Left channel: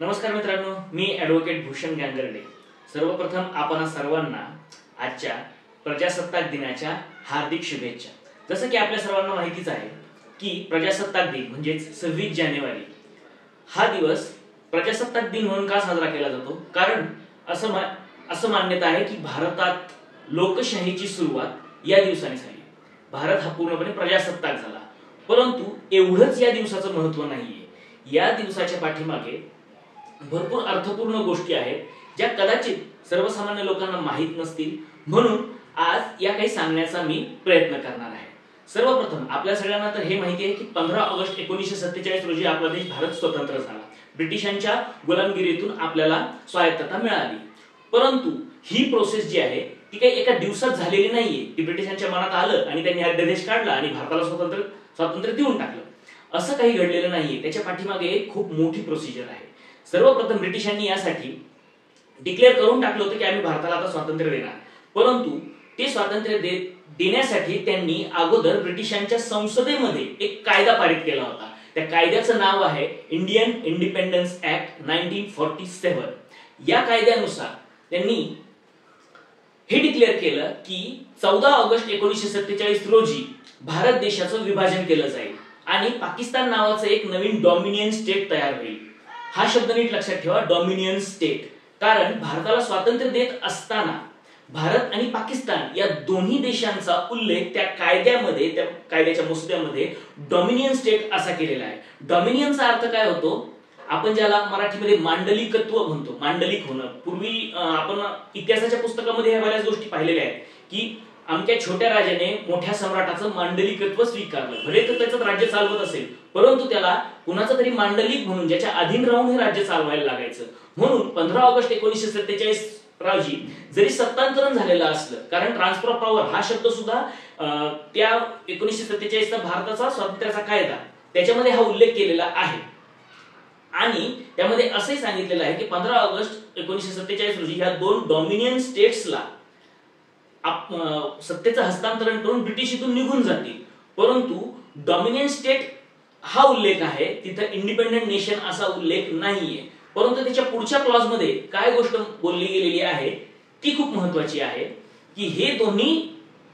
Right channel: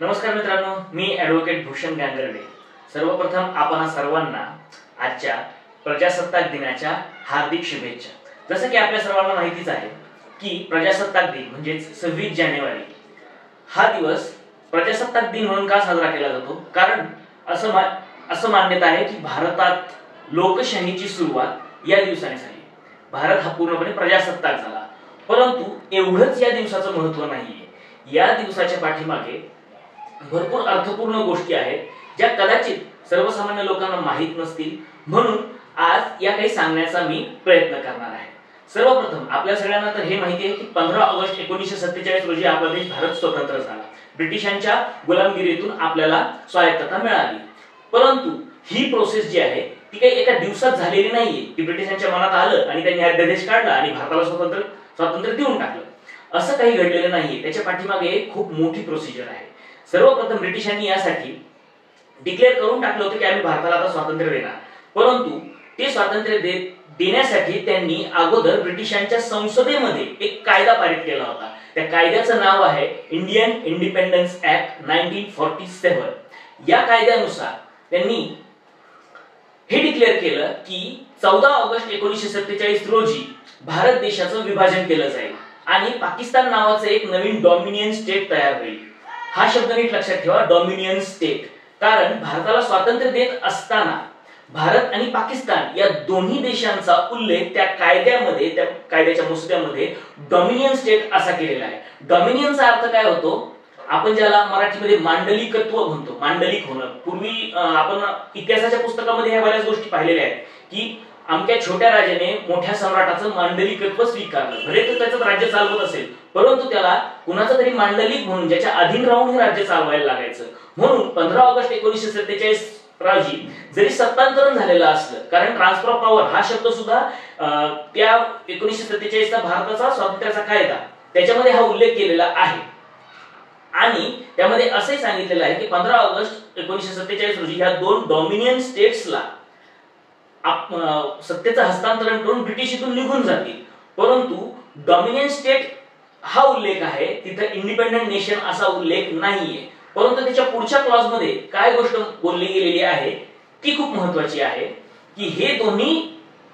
नमस्कार मित्रांनो, मी ॲडव्होकेट भूषण गांगर्डे। सर्वप्रथम आपण सर्वांना आजच्या प्रजासत्ताक दिनाच्या हार्दिक शुभेच्छा। जसं की आपल्या सर्वांना माहितीच आहे की प्रजासत्ताक दिन म्हणजे 26 जानेवारी हा दिवस प्रजासत्ताक दिन म्हणून का साजरा केला जातो? कारण असं मान्यता आहे की भारतात लोकशाहीची सुरुवात या दिवसाने झाली। भारत हा पूर्णपणे प्रजासत्ताक झाला, परंतु एवढंच या दिवसाचं महत्त्व नाहीये। या दिवसाच्या पाठीमागे भरपूर अर्थपूर्ण गोष्टी आहेत ज्या कदाचित सर्वसामान्य लोकांना माहित नसतील, म्हणून आज या काही सांगण्याचा मी प्रयत्न करणार आहे। सर्वप्रथम आपल्या सगळ्यांना तर हे माहिती आहे की 15 ऑगस्ट 1947 रोजी आपला देश भारत स्वतंत्र झाला। ब्रिटिशांच्या गुलामगिरीतून आपल्याला स्वायत्तता मिळाली, परंतु ही प्रोसेस जी आहे ती काही एका दिवसात झालेली नाहीये की ब्रिटिशांच्या मनात आलं आणि त्यांनी अध्यादेश काढला आणि भारताला स्वातंत्र्य देऊन टाकलं। असं काही घडलेलं नाहीये, त्याच्या पाठीमागे एक खूप मोठी प्रोसिजर आहे। सर्वप्रथम ब्रिटिशांनी यासाठी डिक्लेअर करून टाकलं होतं की आम्ही भारताला आता स्वातंत्र्य देणार, परंतु ते स्वातंत्र्य देण्यासाठी त्यांनी अगोदर ब्रिटिशांच्या संसदेमध्ये एक कायदा पारित केला होता। त्या कायद्याचं नाव आहे इंडियन इंडिपेंडन्स ऍक्ट 1947। या कायद्यानुसार त्यांनी हे डिक्लेअर केलं की 14 ऑगस्ट 1947 रोजी भारत देशाचं विभाजन केलं जाईल आणि पाकिस्तान नावाचं एक नवीन डॉमिनियन स्टेट तयार होईल। हा शब्द नीट लक्षात ठेवा, डॉमिनियन स्टेट, कारण भारताला स्वातंत्र्य देत असताना भारत आणि पाकिस्तान या दोन्ही देशांचा उल्लेख त्या कायद्याच्या मसुद्यामध्ये डॉमिनियन स्टेट असा केलेला आहे। डॉमिनियनचा अर्थ काय होतो? आपण ज्याला मराठीमध्ये मांडलिकत्व म्हणतो, मांडलिक होणं। पूर्वी आपण इतिहासाच्या पुस्तकामध्ये ह्या बऱ्याच गोष्टी पाहिलेल्या आहेत की आमच्या छोट्या राजाने मोठ्या सम्राटाचं मांडलिकत्व स्वीकारलं। भले तो त्याचं राज्य चालवत असेल, परंतु त्याला कुणाचा तरी मांडलिक म्हणून ज्याच्या अधीन राहून हे राज्य चालवायला लागायचं। म्हणून 15 ऑगस्ट 1947 रोजी जरी सत्तांतरण झालेलं असलं, कारण ट्रान्सफर ऑफ पॉवर हा शब्द सुद्धा त्या 1947 चा भारताचा स्वातंत्र्याचा कायदा त्याच्यामध्ये हा उल्लेख केलेला आहे आणि त्यामध्ये असे सांगितलेलं आहे की 15 ऑगस्ट 1947 रोजी ह्या दोन डॉमिनियन स्टेट्सला सत्तेचं हस्तांतरण करून ब्रिटिश इथून निघून जातील, परंतु डॉमिनियन स्टेट हा उल्लेख आहे, तिथं इंडिपेंडंट नेशन असा उल्लेख नाहीये। परंतु त्याच्या पुढच्या क्लॉज मध्ये काय गोष्ट बोलली गेलेली आहे ती खूप महत्त्वाची आहे की हे दोन्ही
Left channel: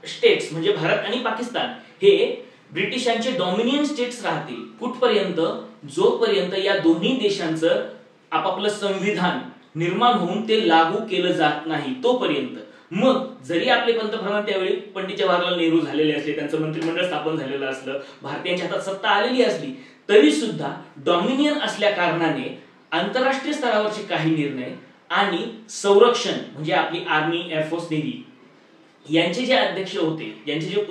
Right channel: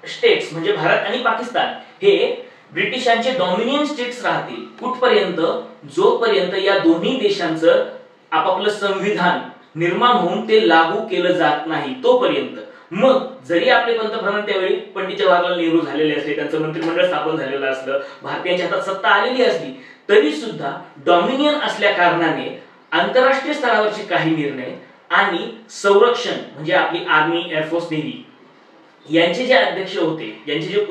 स्टेट्स म्हणजे भारत आणि पाकिस्तान हे ब्रिटिशांचे डॉमिनियन स्टेट्स राहतील कुठपर्यंत? जोपर्यंत या दोन्ही देशांचं आपापलं संविधान निर्माण होऊन ते लागू केलं जात नाही तोपर्यंत। मग जरी आपले पंतप्रधान त्यावेळी पंडित जवाहरलाल नेहरू झालेले असले, त्यांचं मंत्रिमंडळ स्थापन झालेलं असलं, भारतीयांच्या हातात सत्ता आलेली असली, तरी सुद्धा डॉमिनियन असल्या कारणाने आंतरराष्ट्रीय स्तरावरचे काही निर्णय आणि संरक्षण म्हणजे आपली आर्मी, एअरफोर्स, नेव्ही यांचे जे अध्यक्ष होते, यांचे जे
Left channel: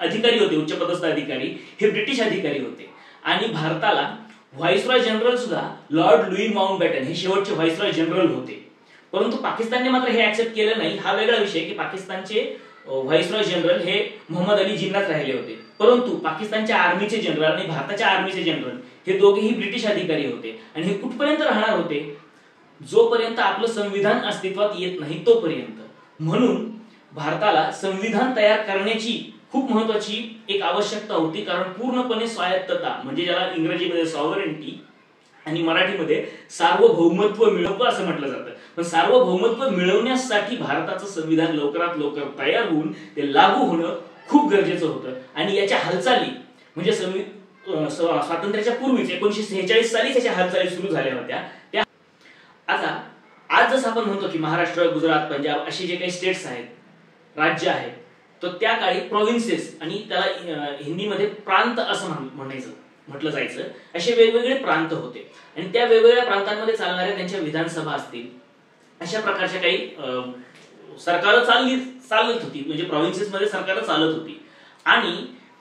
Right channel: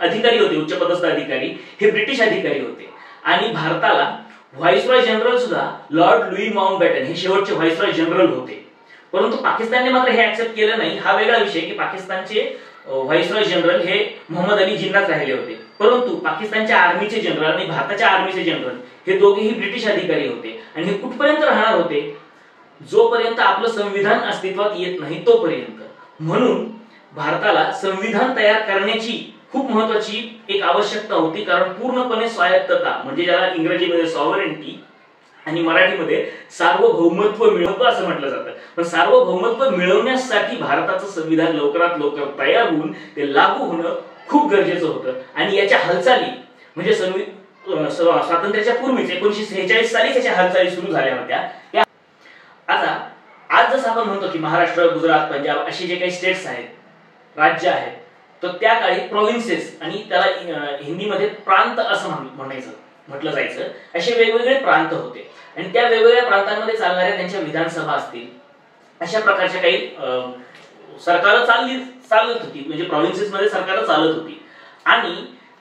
अधिकारी होते, उच्चपदस्थ अधिकारी, हे ब्रिटिश अधिकारी होते आणि भारताला व्हाईसरॉय जनरल सुद्धा लॉर्ड लुई माउंटबॅटन हे शेवटचे व्हाईसरॉय जनरल होते। परंतु पाकिस्तानने मात्र हे ऍक्सेप्ट केलं नाही। हा वेगळा विषय की पाकिस्तानचे व्हाईसरॉय जनरल हे मोहम्मद अली जिन्नाच राहिले होते, परंतु पाकिस्तानच्या आर्मीचे जनरल आणि भारताच्या आर्मीचे जनरल हे दोघेही ब्रिटिश अधिकारी होते आणि हे कुठपर्यंत राहणार होते? जोपर्यंत आपलं संविधान अस्तित्वात येत नाही तोपर्यंत। म्हणून भारताला संविधान तयार करण्याची खूप महत्त्वाची एक आवश्यकता होती, कारण पूर्णपणे स्वायत्तता म्हणजे ज्याला इंग्रजीमध्ये सॉव्हरेनिटी आणि मराठीमध्ये सार्वभौमत्व मिळवतो असं म्हटलं जातं। पण सार्वभौमत्व मिळवण्यासाठी भारताचं संविधान लवकरात लवकर तयार होऊन ते लागू होणं खूप गरजेचं होतं आणि याच्या हालचाली म्हणजे स्वातंत्र्याच्या पूर्वीच 1946 साली त्याच्या हालचाली सुरू झाल्या होत्या। आता आज जसं आपण म्हणतो की महाराष्ट्र, गुजरात, पंजाब असे जे काही स्टेट्स आहेत, राज्य आहेत, तर त्या काळी प्रोव्हिन्सेस आणि त्याला हिंदीमध्ये प्रांत असं म्हटलं जायचं, असे वेगवेगळे प्रांत होते आणि त्या वेगवेगळ्या प्रांतांमध्ये चालणाऱ्या त्यांच्या विधानसभा असतील, अशा प्रकारच्या काही सरकार चालत होती, म्हणजे प्रोव्हिन्सेस मध्ये सरकार चालत होती। आणि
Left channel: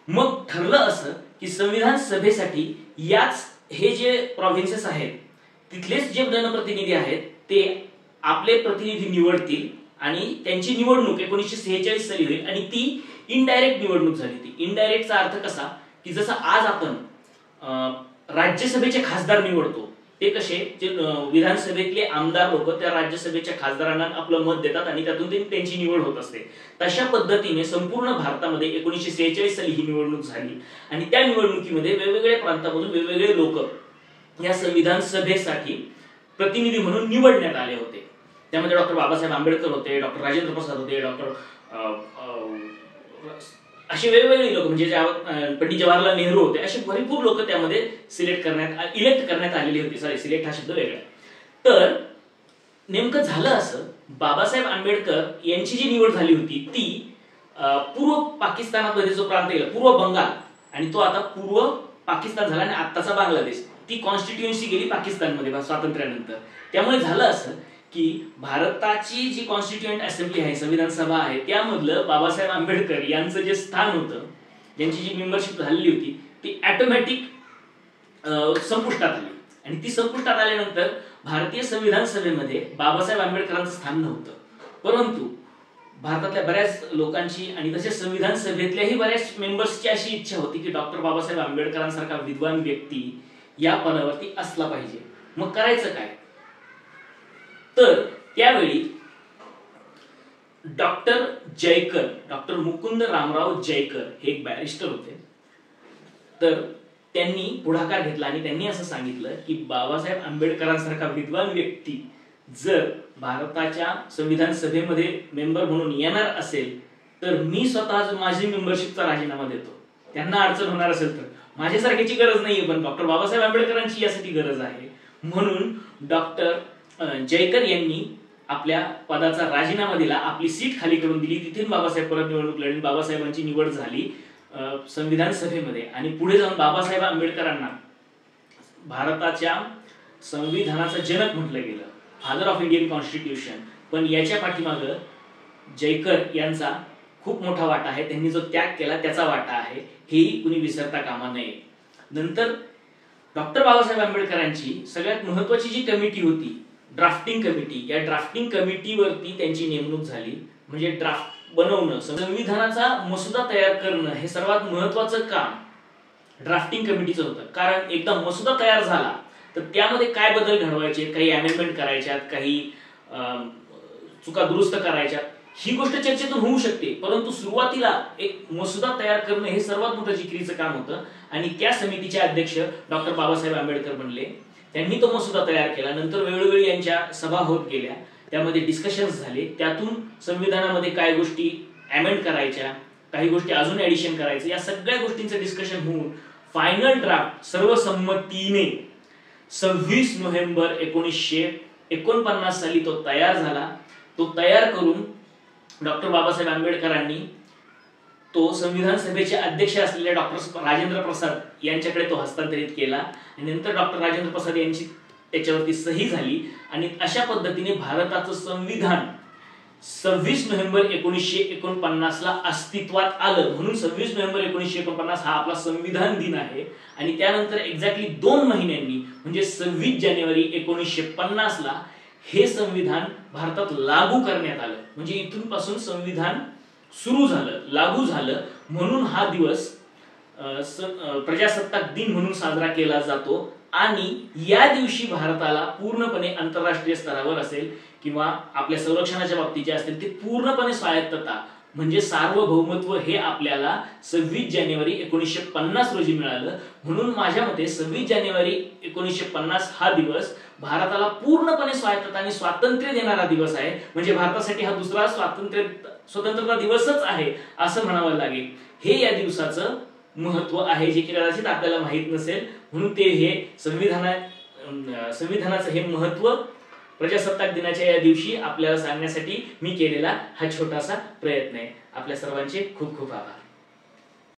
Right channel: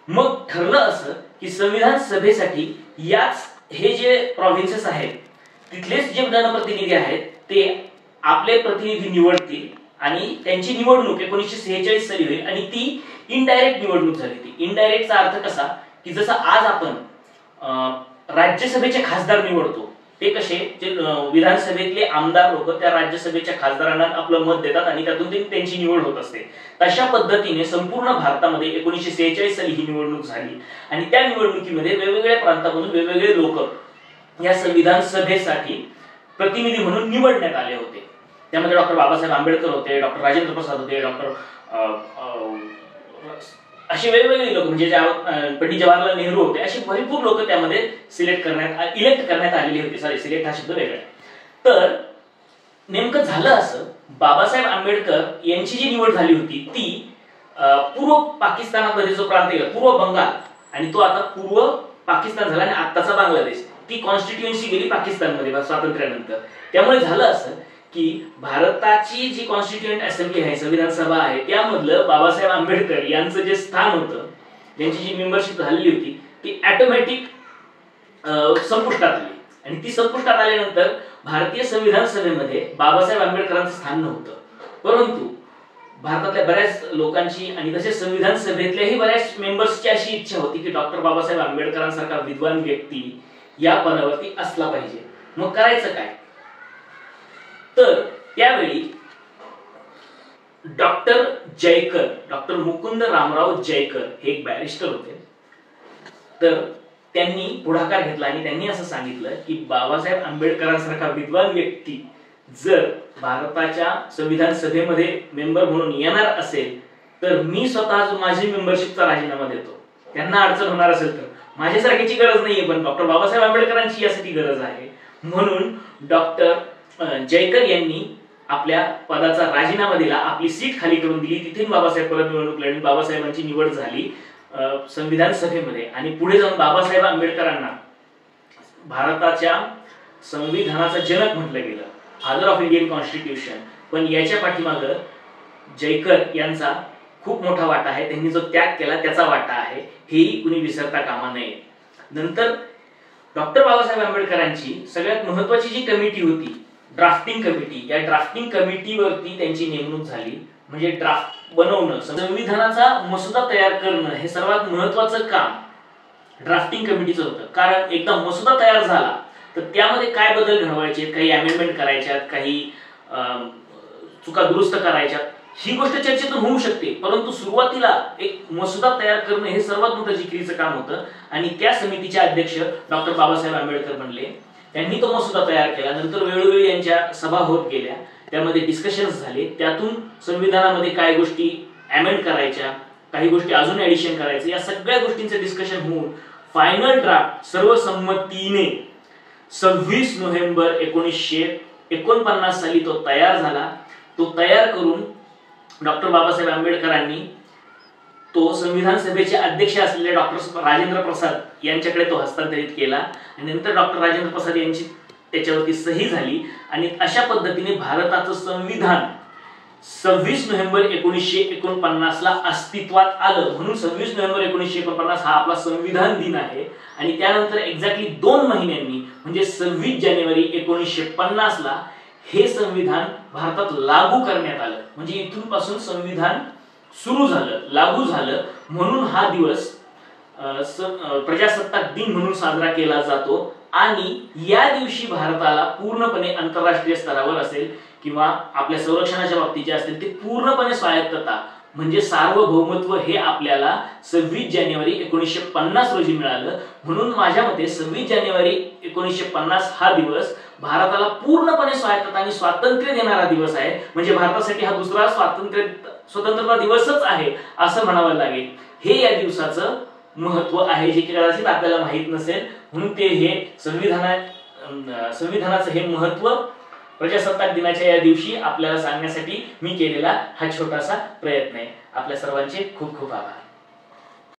मग ठरलं असं की संविधान सभेसाठी हे जे प्रोव्हिन्सेस आहेत तिथलेच जे जनप्रतिनिधी आहेत ते आपले प्रतिनिधी निवडतील आणि त्यांची निवडणूक 1946 साली होईल आणि ती इनडायरेक्ट निवडणूक झाली। ती इनडायरेक्टचा अर्थ कसा की जसं आज आपण राज्यसभेचे खासदार निवडतो, ते कसे जे विधानसभेतले आमदार लोक त्या राज्यसभेच्या खासदारांना आपलं मत देतात आणि त्यातून त्यांची निवड होत असते, तशा पद्धतीने संपूर्ण भारतामध्ये 1946 साली ही निवडणूक झाली आणि त्या निवडणुकीमध्ये वेगवेगळ्या प्रांतामधून वेगवेगळे लोक या संविधान सभेसाठी प्रतिनिधी म्हणून निवडण्यात आले होते. त्यामध्ये डॉक्टर बाबासाहेब आंबेडकर होते, डॉक्टर राजेंद्र प्रसाद होते, डॉक्टर असे वेगवेगळे लोक म्हणजे पंडित जवाहरलाल नेहरू होते, असे भरपूर लोक त्यामध्ये इलेक्ट करण्यात आलेली होती. सिलेक्ट हा शब्द वेगळा. तर नेमकं झालं असं, बाबासाहेब आंबेडकर यांची जी निवड झाली होती ती पूर्व पाकिस्तानामध्ये जो प्रांत गेला, पूर्व बंगाल, आणि तो आता पूर्व पाकिस्तान झाला आणि आत्ताचा बांगलादेश, ती कॉन्स्टिट्युएन्सी गेली पाकिस्तानमध्ये स्वातंत्र्यानंतर. त्यामुळे झालं असं की भारताची जी कॉन्स्टिट्युएंट असेंब्ली आहे, संविधान सभा आहे, त्यामधलं बाबासाहेब आंबेडकर यांचं जे स्थान होतं, ज्यांची जी मेंबरशिप झालेली होती, ती ऑटोमॅटिक संपुष्टात आली. आणि ती संपुष्टात आल्यानंतर भारतीय संविधान सभेमध्ये बाबासाहेब आंबेडकरांचं स्थान नव्हतं. परंतु भारतातल्या बऱ्याच लोकांची आणि तसेच संविधान सभेतल्याही बऱ्याच मेंबर्सची अशी इच्छा होती की डॉक्टर बाबासाहेब आंबेडकरांसारखा विद्वान व्यक्ती या पदावरती असला पाहिजे. मग करायचं काय? तर त्यावेळी डॉक्टर जयकर, डॉक्टर मुकुंद रामराव जयकर हे एक बॅरिस्टर होते. तर त्यांनी पुढाकार घेतला आणि त्यांनी असं सांगितलं की बाबासाहेब आंबेडकरांसारखा विद्वान व्यक्ती जर भारताच्या संविधान सभेमध्ये मेंबर म्हणून येणार असेल तर मी स्वतः माझी मेंबरशिपचा राजीनामा देतो. त्यांना अडचण होणार असेल तर, माझ्यासारख्याची गरज नाहीये, पण डॉक्टर बाबासाहेब आंबेडकरांची यासाठी गरज आहे. म्हणून डॉक्टर जयकर यांनी आपल्या पदाचा राजीनामा दिला, आपली सीट खाली करून दिली. तिथे बाबासाहेब परत निवडणूक लढली, बाबासाहेबांची निवड झाली संविधान सभेमध्ये. आणि पुढे जाऊन बाबासाहेब आंबेडकरांना भारताच्या संविधानाचा जनक म्हटलं गेलं, फादर ऑफ इंडियन कॉन्स्टिट्यूशन. पण याच्या पाठीमागं जयकर यांचा खूप मोठा वाटा आहे. त्यांनी जो त्याग केला त्याचा वाटा आहे, हेही कुणी विसरता कामा नये. नंतर डॉक्टर बाबासाहेब आंबेडकरांची सगळ्यात महत्वाची जी कमिटी होती, ड्राफ्टिंग कमिटी, या ड्राफ्टिंग कमिटीवरती त्यांची नेमणूक झाली. म्हणजे ड्राफ्ट बनवणं, संविधानाचा मसुदा तयार करणं हे सर्वात महत्वाचं काम ड्राफ्टिंग कमिटीचं होतं. कारण एकदा मसुदा तयार झाला तर त्यामध्ये काय बदल घडवायचे, काही अमेंडमेंट करायच्यात, काही चुका दुरुस्त करायच्यात, ही गोष्ट चर्चेतून होऊ शकते. परंतु सुरुवातीला एक मसुदा तयार करणं हे सर्वात मोठं जिकिरीचं काम होतं. आणि त्या समितीचे अध्यक्ष डॉक्टर बाबासाहेब आंबेडकर बनले. त्यांनी तो मसुदा तयार केला. नंतर वेळोवेळी यांच्या सभा होत गेल्या, त्यामध्ये डिस्कशन्स झाले. त्यातून संविधानामध्ये काय गोष्टी अमेंड करायच्या, काही गोष्टी अजून ऍडिशन करायचं, या सगळ्या गोष्टींचं डिस्कशन होऊन फायनल ड्राफ्ट सर्वसंमतीने 26 नोव्हेंबर 1949 साली तो तयार झाला. तो तयार करून डॉक्टर बाबासाहेब आंबेडकरांनी तो संविधान सभेचे अध्यक्ष असलेले डॉक्टर राजेंद्र प्रसाद यांच्याकडे तो हस्तांतरित केला. आणि नंतर डॉक्टर राजेंद्र प्रसाद यांची त्याच्यावरती सही झाली. आणि अशा पद्धतीने भारताचं संविधान 26 नोव्हेंबर 1949 ला अस्तित्वात आलं. म्हणून 26 नोव्हेंबर 1949 हा आपला संविधान दिन आहे. आणि त्यानंतर एक्झॅक्टली 2 महिन्यांनी म्हणजे 26 जानेवारी 1950 ला हे संविधान भारतात लागू करण्यात आलं. म्हणजे इथून पासून संविधान सुरू झालं, लागू झालं. म्हणून हा दिवस प्रजासत्ताक दिन म्हणून साजरा केला जातो. आणि या दिवशी भारताला पूर्णपणे आंतरराष्ट्रीय स्तरावर असेल किंवा आपल्या संरक्षणाच्या बाबतीत जे असेल ते पूर्णपणे स्वायत्तता म्हणजे सार्वभौमत्व हे आपल्याला 26 जानेवारी 1950 रोजी मिळालं. म्हणून माझ्या मते 26 जानेवारी 1950 हा दिवस भारताला पूर्णपणे स्वायत्तता आणि स्वातंत्र्य देणारा दिवस आहे. म्हणजे भारतासाठी हा दुसरा स्वतंत्रता दिवसच आहे असं म्हणावं लागेल. हे या दिवसाचं महत्व आहे, जे की कदाचित आपल्याला माहित नसेल. म्हणून ते हे संविधानाचं हे महत्व प्रजासत्ताक दिनाच्या या दिवशी आपल्याला सांगण्यासाठी मी केलेला हा छोटासा प्रयत्न आहे. आपल्या सर्वांचे खूप खूप आभार.